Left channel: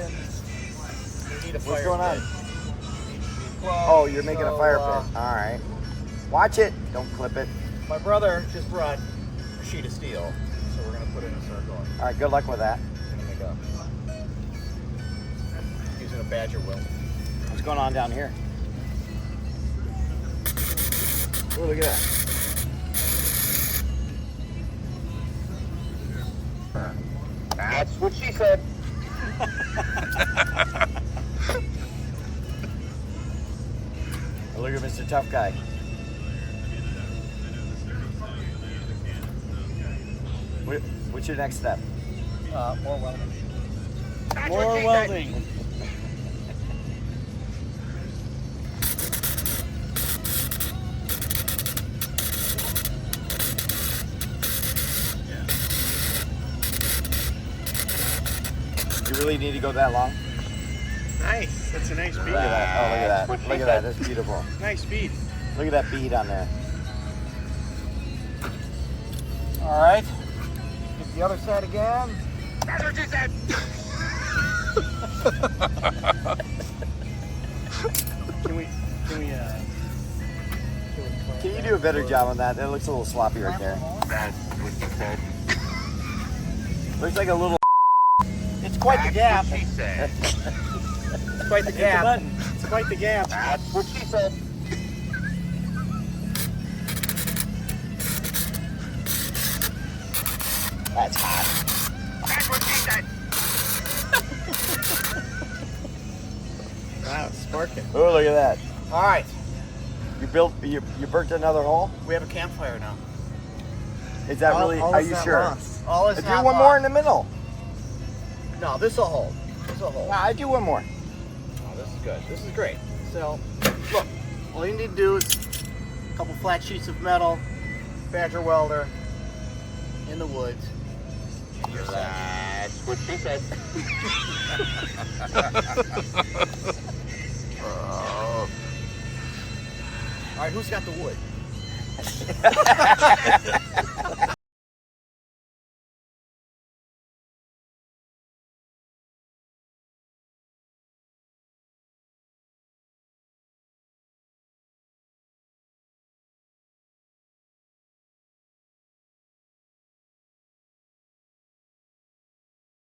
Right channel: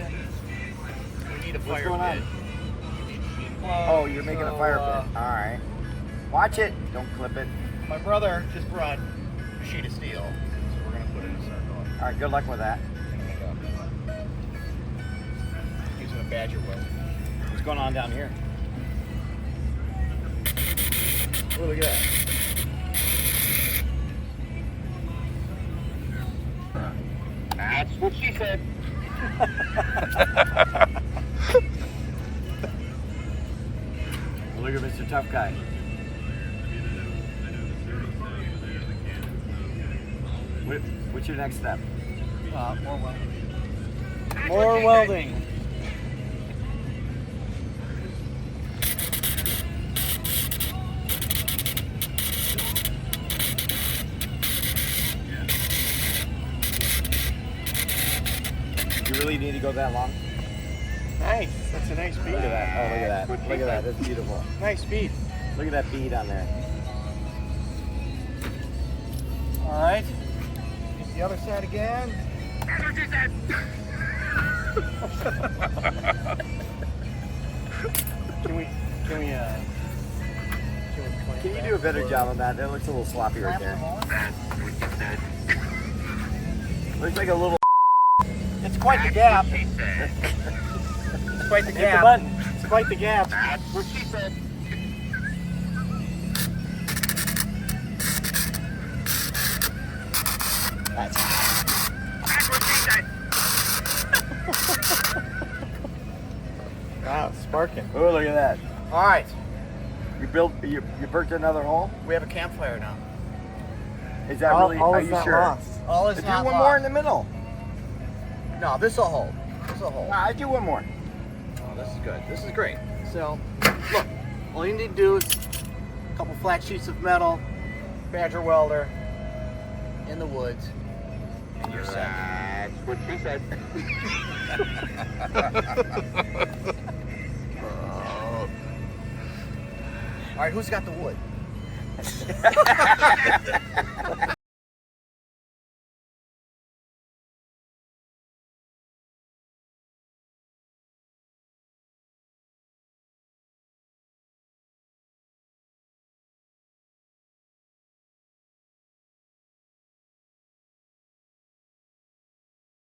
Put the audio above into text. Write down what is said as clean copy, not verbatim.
Jason. We need a What's fire going on? pit. Oh, you're making a fire pit. All right. Watch it. Don't clip it. My brother just brought a sheet of steel, so we're gonna put it in a circle. All right. Good luck with that. We're gonna make a using a Badger Welder. What's going on down here? Oh, look at that. That's what she said. Look at Mr. Tough Guy. What's your next step? More welding. More welding. You really need to go that long? Nice. That's a nice bead. Look at that. Oh, look at that. Look at that. That's beautiful. Nice bead. Look at that bead on there. All right. Get the other side again. That's what she said. Can you do a better job on that? That looks a little sloppy right there. Looks like a little. It's quite the gap. It's Quite the a gap. button. It's quite the gap. That's what she said. That's what she said. Wow, it's sparking. Oh, look at that. All right. You burnt another hole? We have a campfire now. Is that really? Are is you not sure? lost. All is Do not one lost. more in the middle. No, this will hold. This will hold. I do one more. Oh, this is good. This is great. So, look, all you need to do is a couple flat sheets of metal, Badger Welder, in the woods, and you're set. That's what she said. All right, who's got the wood?